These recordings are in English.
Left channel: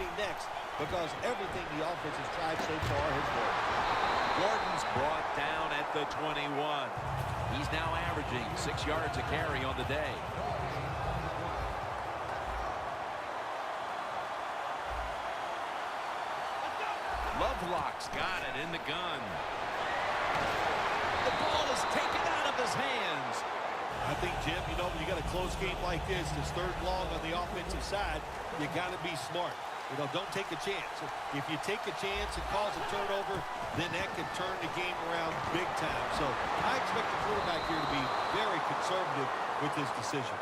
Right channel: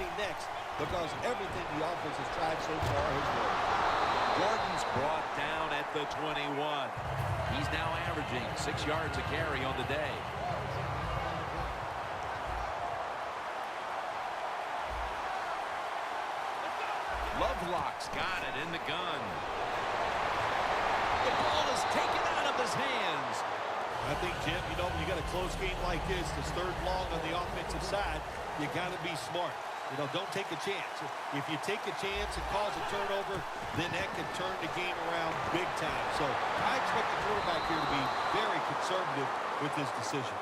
be next because everything the offense has tried so far has worked. Gordon's brought down at the 21. He's now averaging 6 yards a carry on the day. Lovelock's got it in the gun. The ball is taken out of his hands. I think, Jim, when you got a close game like this, it's third long on the offensive side, you got to be smart. Don't take a chance. If you take a chance and cause a turnover, then that can turn the game around big time. So I expect the quarterback here to be very conservative with his decision.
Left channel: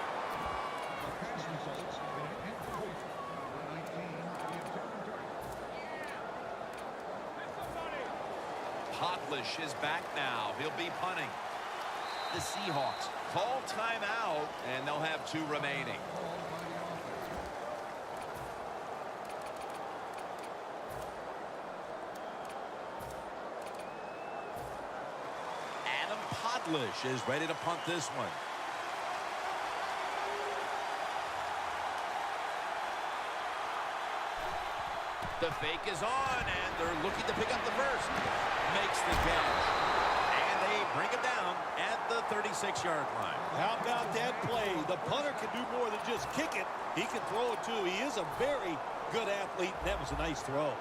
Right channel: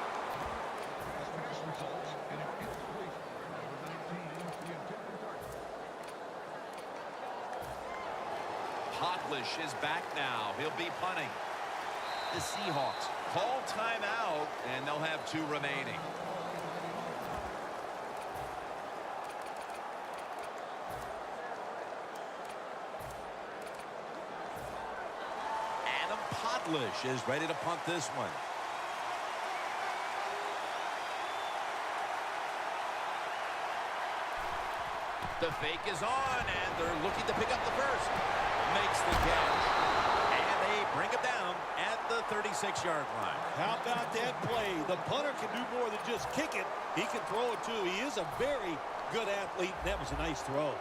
Podlish is back now. He'll be punting. The Seahawks call timeout, and they'll have 2 remaining. Adam Podlish is ready to punt this one. The fake is on, and they're looking to pick up the first. Makes the catch. And they bring him down at the 36-yard line. How about that play? The punter can do more than just kick it. He can throw it, too. He is a very good athlete, and that was a nice throw.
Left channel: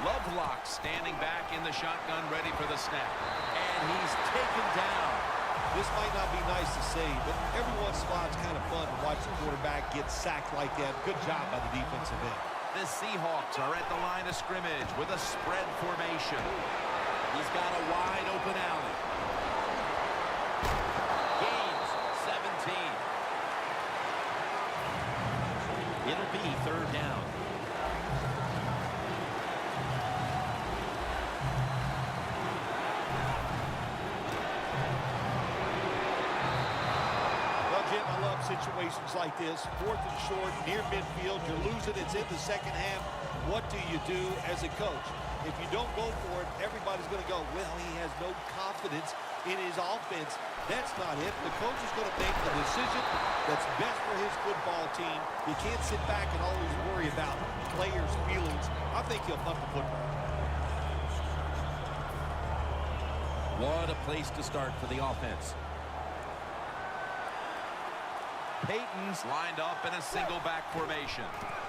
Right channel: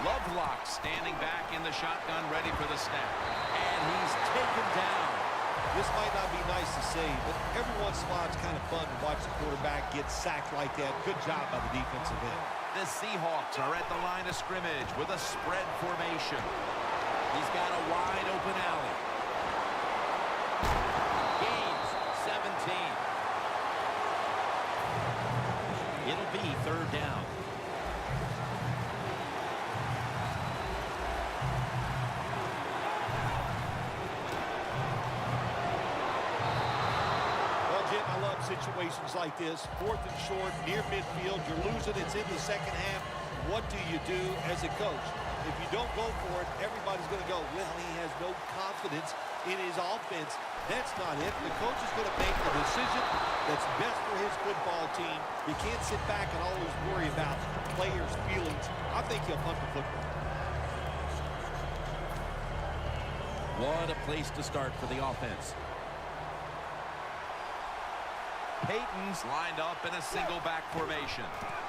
Lovelock standing back in the shotgun, ready for the snap. And he's taken down. This might not be nice to say, but every once in a while it's kind of fun to watch the quarterback get sacked like that. Good job by the defensive end. The Seahawks are at the line of scrimmage with a spread formation. He's got a wide open alley. Gains 17. It'll be third down. Jim, I love situations like this. 4th and short, near midfield. You're losing. It's in the second half. What do you do as a coach? If you don't go for it, everybody's going to go, well, he has no confidence in his offense. That's not it. The coach is going to make the decision that's best for his football team. You can't sit back and always worry about players' feelings. I think he'll punt the football. What a place to start for the offense. Peyton's lined up in a single back formation.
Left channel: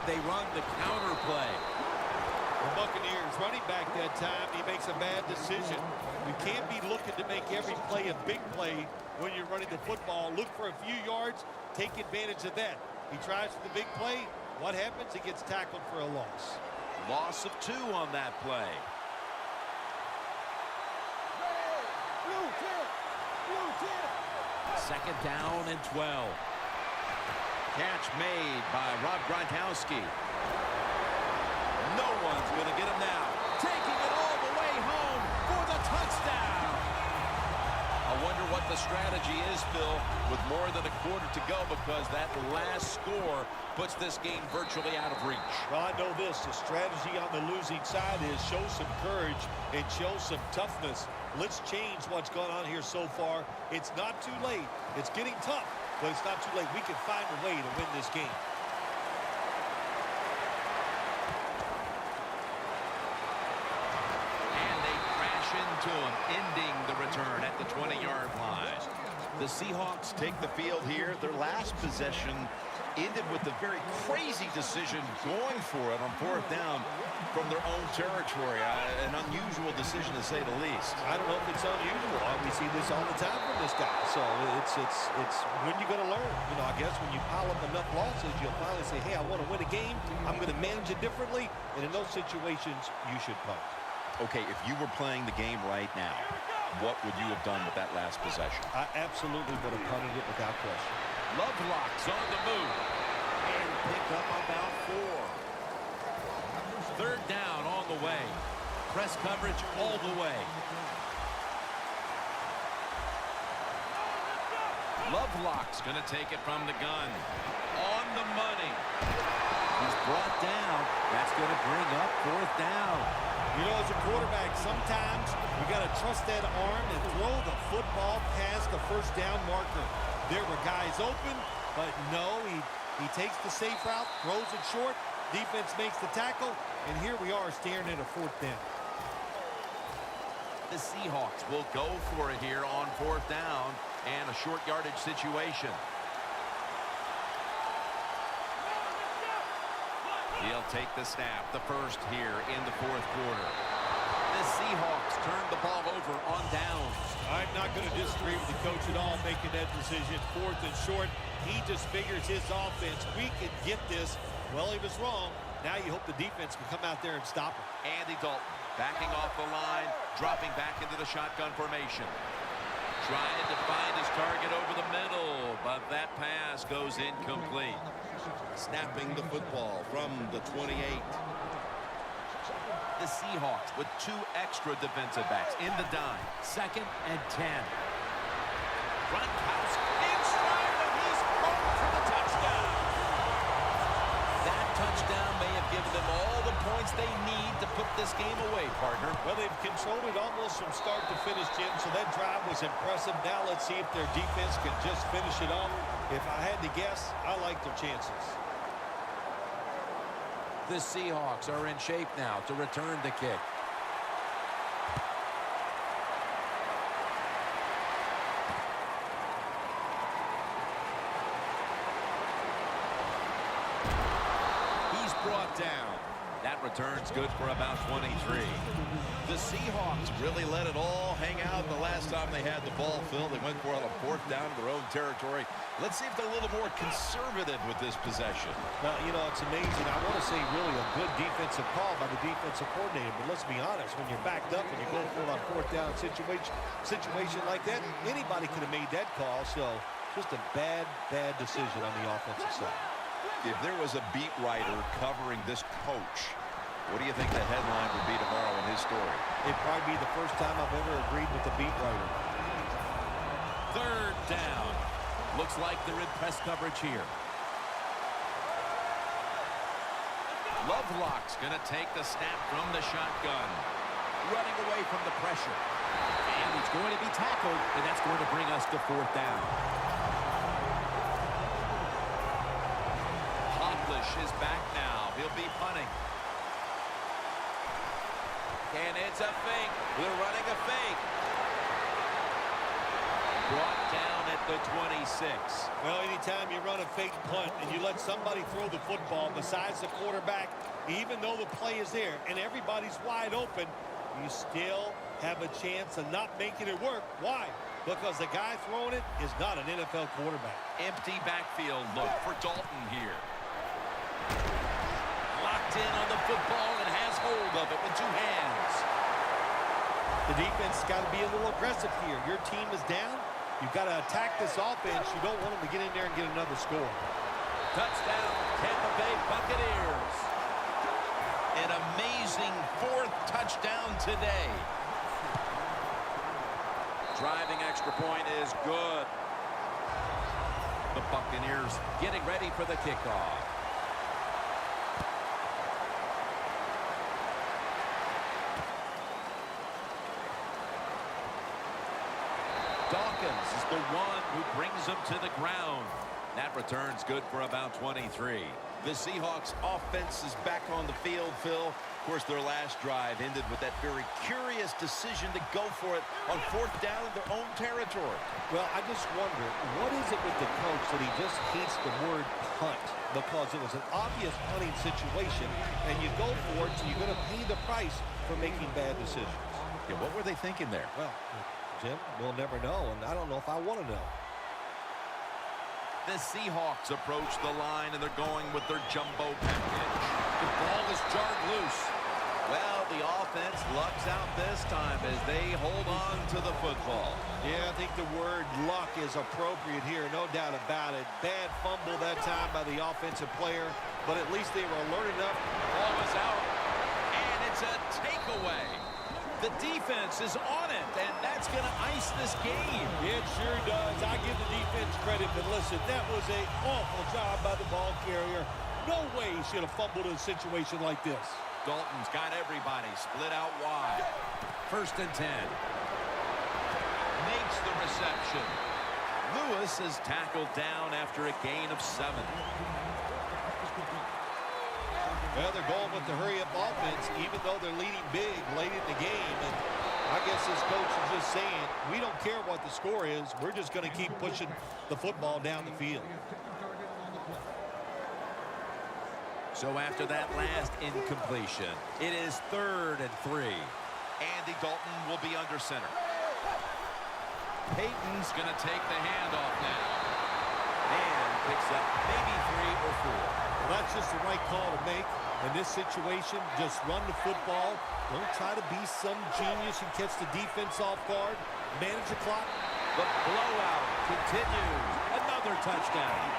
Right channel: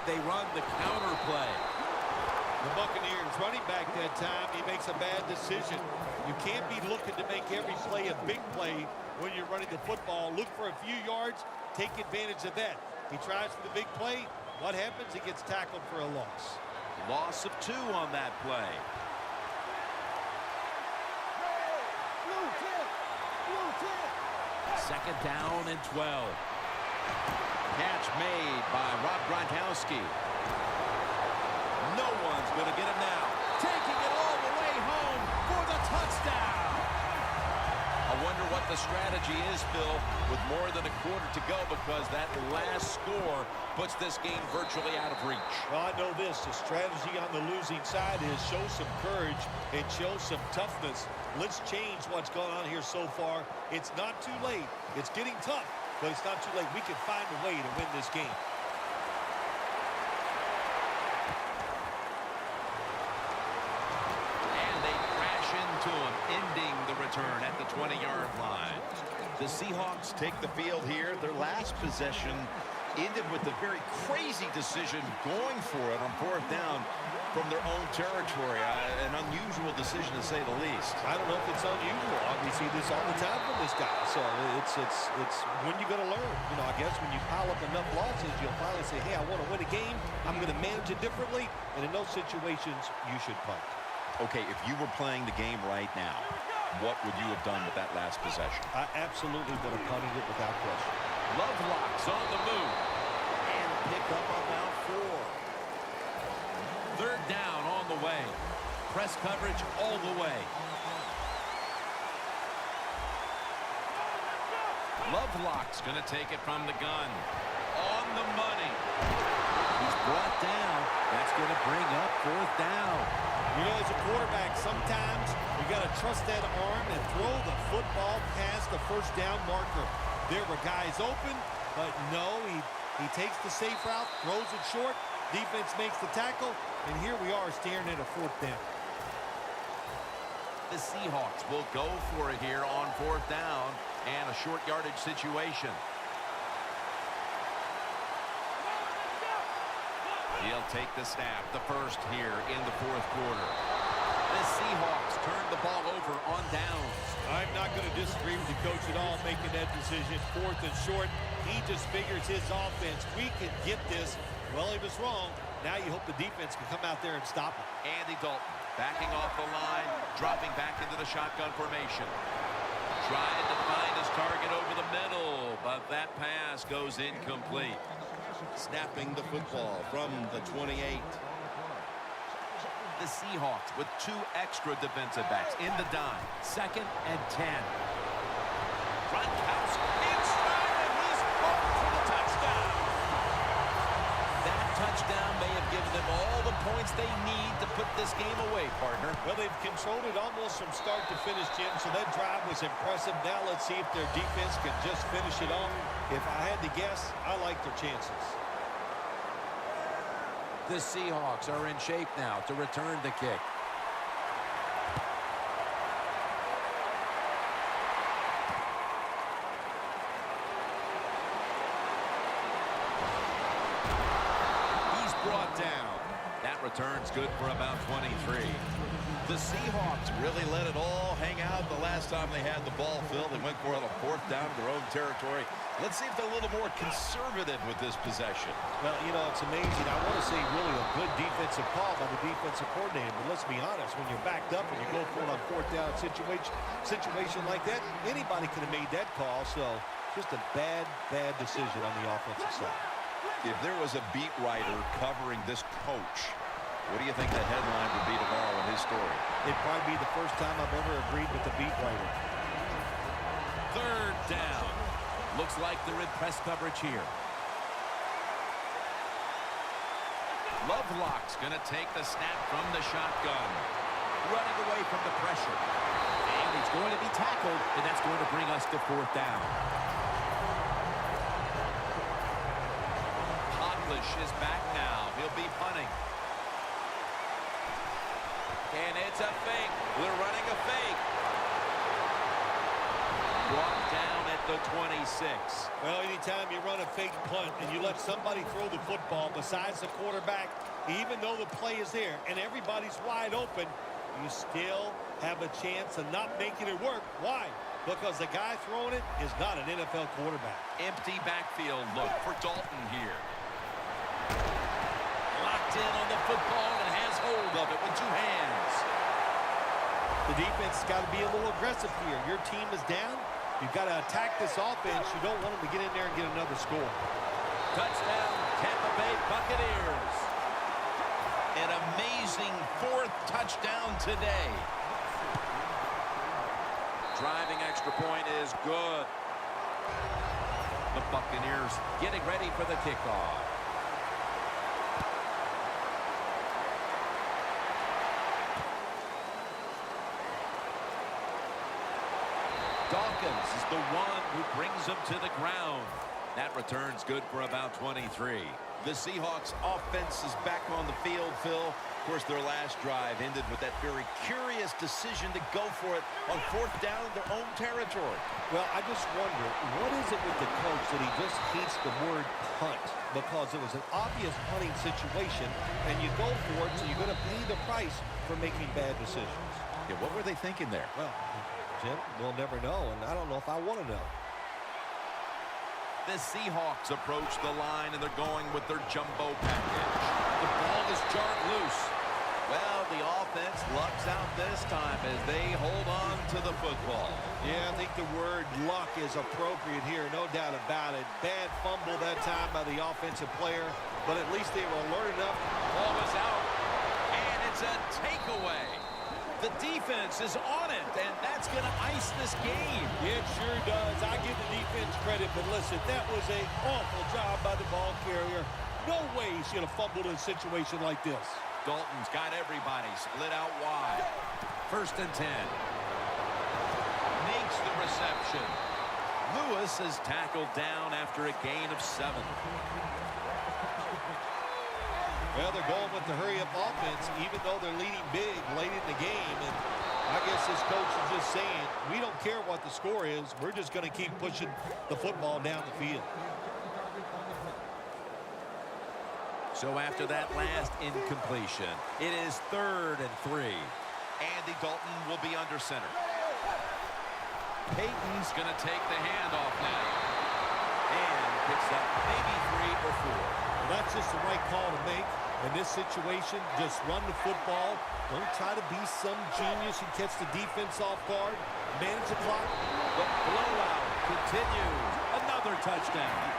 They run the counter play. The Buccaneers running back that time. He makes a bad decision. You can't be looking to make every play a big play when you're running the football. Look for a few yards. Take advantage of that. He tries for the big play. What happens? He gets tackled for a loss. Loss of 2 on that play. Second down and 12. Catch made by Rob Gronkowski. No one's going to get him now. Taking it all the way home for the touchdown. I wonder what the strategy is, Phil, with more than a quarter to go, because that last score puts this game virtually out of reach. Well, I know this. The strategy on the losing side is show some courage and show some toughness. Let's change what's gone on here so far. It's not too late. It's getting tough, but it's not too late. We can find a way to win this game. Into him, ending the return at the 20-yard line. The Seahawks take the field here. Their last possession ended with a very crazy decision going for it on 4th down from their own territory. An unusual decision, to say the least. I don't know if it's unusual. We see this all the time from this guy. So it's when you're going to learn. I guess when you pile up enough losses, you'll finally say, hey, I want to win a game. I'm going to manage it differently. And in those situations, you should punt. Okay, if you were playing the game right now, what would you have done with that last possession? I absolutely would have punted it without question. Lovelock's on the move. And pick up about 4. Third down on the way. Press coverage all the way. Lovelock's going to take it from the gun. On the money. He's brought down. That's going to bring up 4th down. As a quarterback, sometimes you got to trust that arm and throw the football past the first down marker. There were guys open. But no, he takes the safe route, throws it short, defense makes the tackle, and here we are staring at a 4th down. The Seahawks will go for it here on 4th down and a short yardage situation. He'll take the snap, the first here in the 4th quarter. The Seahawks turn the ball over on downs. I'm not going to disagree with the coach at all making that decision. 4th and short. He just figures his offense, we can get this. Well, he was wrong. Now you hope the defense can come out there and stop him. Andy Dalton backing off the line, dropping back into the shotgun formation. Trying to find his target over the middle, but that pass goes incomplete. Snapping the football from the 28. The Seahawks with 2 extra defensive backs in the dime. 2nd and 10. Gronkowski in stride, and he's marked for the touchdown. That touchdown may have given them all the points they need to put this game away, partner. Well, they've controlled it almost from start to finish, Jim, so that drive was impressive. Now let's see if their defense can just finish it off. If I had to guess, I like their chances. The Seahawks are in shape now to return the kick. He's brought down. That return's good for about 23. The Seahawks really let it all hang out the last time they had the ball, Phil. They went for it on 4th down to their own territory. Let's see if they're a little more conservative with this possession. Well, you know, it's amazing. I want to say really a good defensive call by the defensive coordinator, but let's be honest, when you're backed up and you go for it on 4th down situation like that, anybody could have made that call, so just a bad decision on the offensive side. If there was a beat writer covering this coach, what do you think the headline would be tomorrow in his story? It'd probably be the first time I've ever agreed with the beat writer. 3rd down. Looks like they're in press coverage here. Lovelock's going to take the snap from the shotgun. Running away from the pressure. And he's going to be tackled, and that's going to bring us to 4th down. Hotlish is back now. He'll be punting. And it's a fake. They're running a fake. Brought down at the 26. Well, anytime you run a fake punt and you let somebody throw the football besides the quarterback, even though the play is there and everybody's wide open, you still have a chance of not making it work. Why? Because the guy throwing it is not an NFL quarterback. Empty backfield look for Dalton here. Locked in on the football and has hold of it with 2 hands. The defense has got to be a little aggressive here. Your team is down. You've got to attack this offense. You don't want them to get in there and get another score. Touchdown, Tampa Bay Buccaneers. An amazing 4th touchdown today. Driving extra point is good. The Buccaneers getting ready for the kickoff. Dawkins is the one who brings them to the ground. That return's good for about 23. The Seahawks offense is back on the field, Phil. Of course, their last drive ended with that very curious decision to go for it on 4th down in their own territory. Well, I just wonder, what is it with the coach that he just hates the word punt? Because it was an obvious punting situation, and you go for it, so you're going to pay the price for making bad decisions. Yeah, what were they thinking there? Well, Jim, we'll never know, and I don't know if I want to know. The Seahawks approach the line, and they're going with their jumbo package. The ball is jarred loose. Well, the offense lucks out this time as they hold on to the football. Yeah, I think the word luck is appropriate here, no doubt about it. Bad fumble that time by the offensive player, but at least they were alert enough. Ball was out, and it's a takeaway. The defense is on it, and that's going to ice this game. It sure does. I give the defense credit, but listen, that was an awful job by the ball carrier. No way he should have fumbled in a situation like this. Dalton's got everybody split out wide. 1st and 10. Makes the reception. Lewis is tackled down after a gain of 7. Well, they're going with the hurry-up offense, even though they're leading big late in the game. And I guess this coach is just saying, we don't care what the score is. We're just going to keep pushing the football down the field. So after that last incompletion, it is 3rd and 3. Andy Dalton will be under center. Peyton's going to take the handoff now. And picks up maybe 3 or 4. Well, that's just the right call to make. In this situation, just run the football. Don't try to be some genius and catch the defense off guard. Manage the clock. The blowout continues. Another touchdown.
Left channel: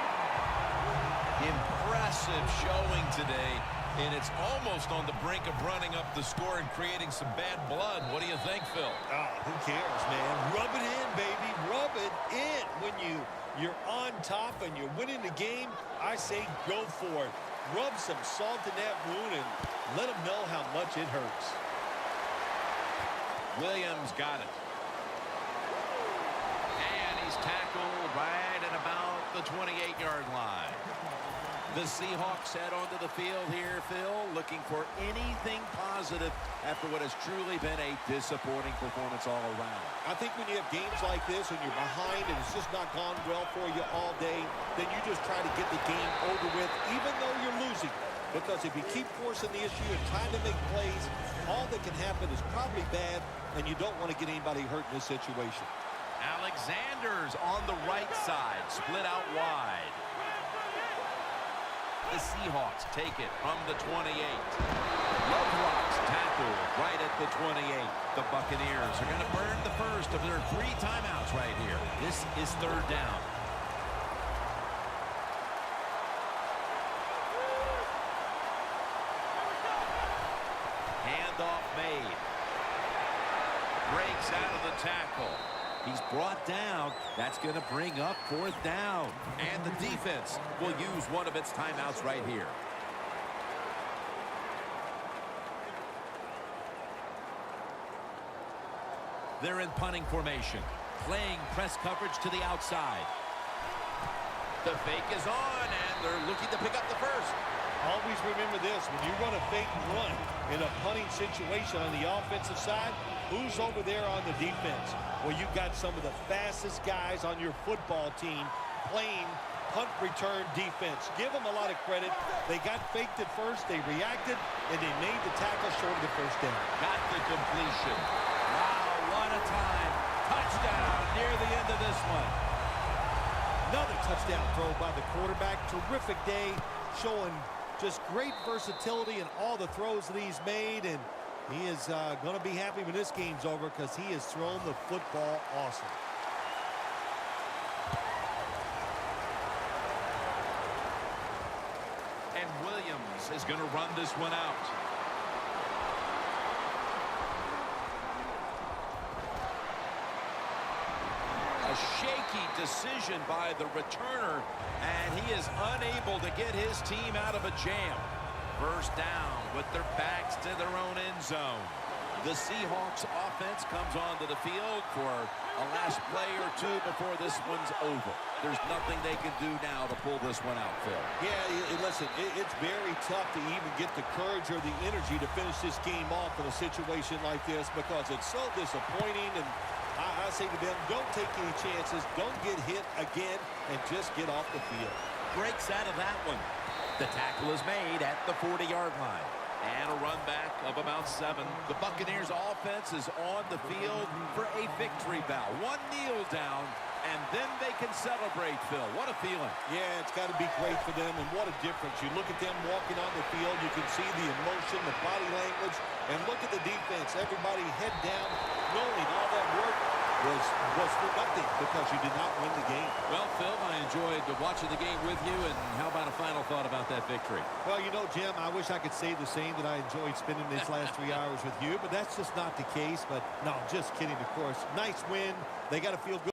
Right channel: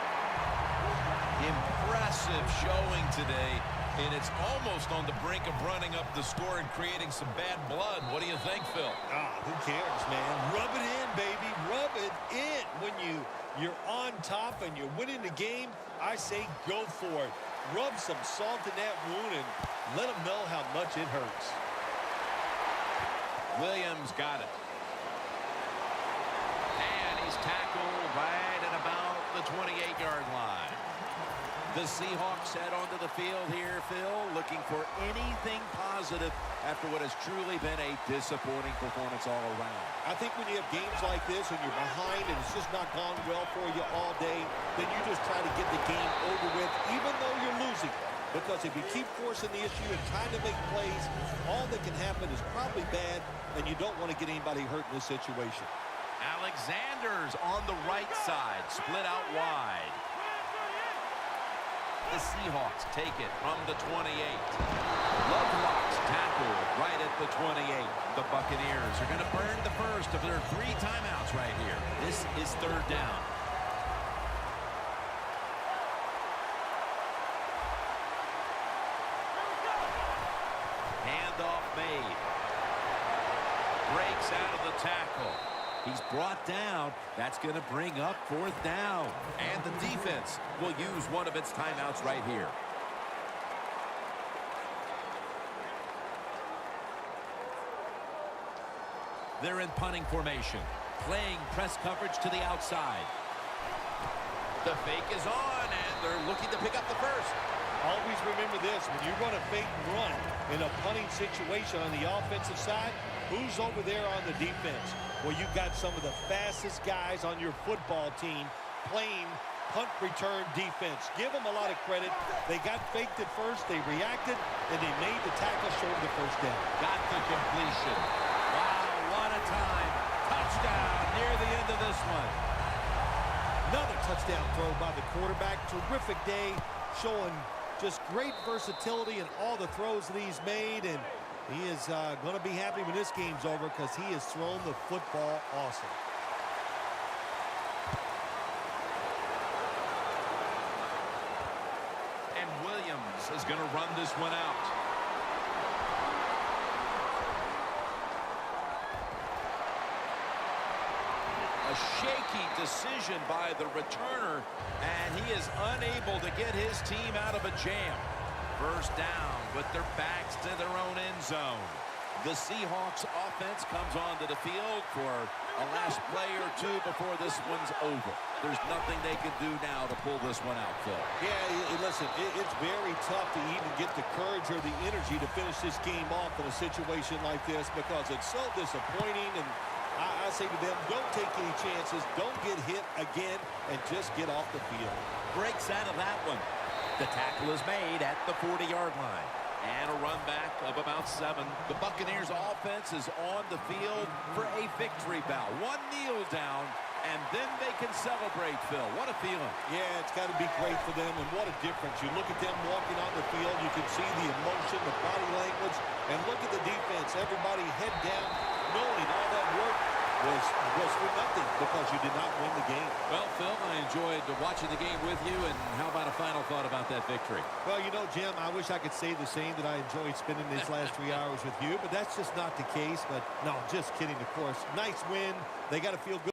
Impressive showing today, and it's almost on the brink of running up the score and creating some bad blood. What do you think, Phil? Oh, who cares, man? Rub it in, baby. Rub it in. When you're on top and you're winning the game, I say go for it. Rub some salt in that wound and let them know how much it hurts. Williams got it. And he's tackled right at about the 28-yard line. The Seahawks head onto the field here, Phil, looking for anything positive after what has truly been a disappointing performance all around. I think when you have games like this and you're behind and it's just not gone well for you all day, then you just try to get the game over with, even though you're losing. Because if you keep forcing the issue and trying to make plays, all that can happen is probably bad, and you don't want to get anybody hurt in this situation. Alexander's on the right side, split out wide. The Seahawks take it from the 28. Lovelock's tackled right at the 28. The Buccaneers are going to burn the first of their 3 timeouts right here. This is 3rd down. Handoff made. Breaks out of the tackle. He's brought down. That's going to bring up 4th down. And the defense will use one of its timeouts right here. They're in punting formation, playing press coverage to the outside. The fake is on, and they're looking to pick up the first. Always remember this, when you run a fake and run in a punting situation on the offensive side, who's over there on the defense? Well, you got some of the fastest guys on your football team playing punt return defense. Give them a lot of credit. They got faked at first, they reacted, and they made the tackle short of the first down. Got the completion. Wow, what a time. Touchdown near the end of this one. Another touchdown throw by the quarterback. Terrific day, showing just great versatility in all the throws that he's made, and he is going to be happy when this game's over because he has thrown the football awesome. And Williams is going to run this one out. A shaky decision by the returner, and he is unable to get his team out of a jam. First down with their backs to their own end zone. The Seahawks offense comes onto the field for a last play or 2 before this one's over. There's nothing they can do now to pull this one out, Phil. Yeah, listen, it's very tough to even get the courage or the energy to finish this game off in a situation like this because it's so disappointing. And I say to them, don't take any chances. Don't get hit again and just get off the field. Breaks out of that one. The tackle is made at the 40-yard line. And a run back of about 7. The Buccaneers offense is on the field for a victory bow. One kneel down, and then they can celebrate, Phil. What a feeling. Yeah, it's got to be great for them, and what a difference. You look at them walking on the field, you can see the emotion, the body language, and look at the defense. Everybody head down, knowing all that work was for nothing because you did not win the game. Well, Phil, I enjoyed watching the game with you, and how about a final thought about that victory? Well, you know, Jim, I wish I could say the same, that I enjoyed spending these last 3 hours with you, but that's just not the case. But no, just kidding, of course. Nice win. They got to feel good.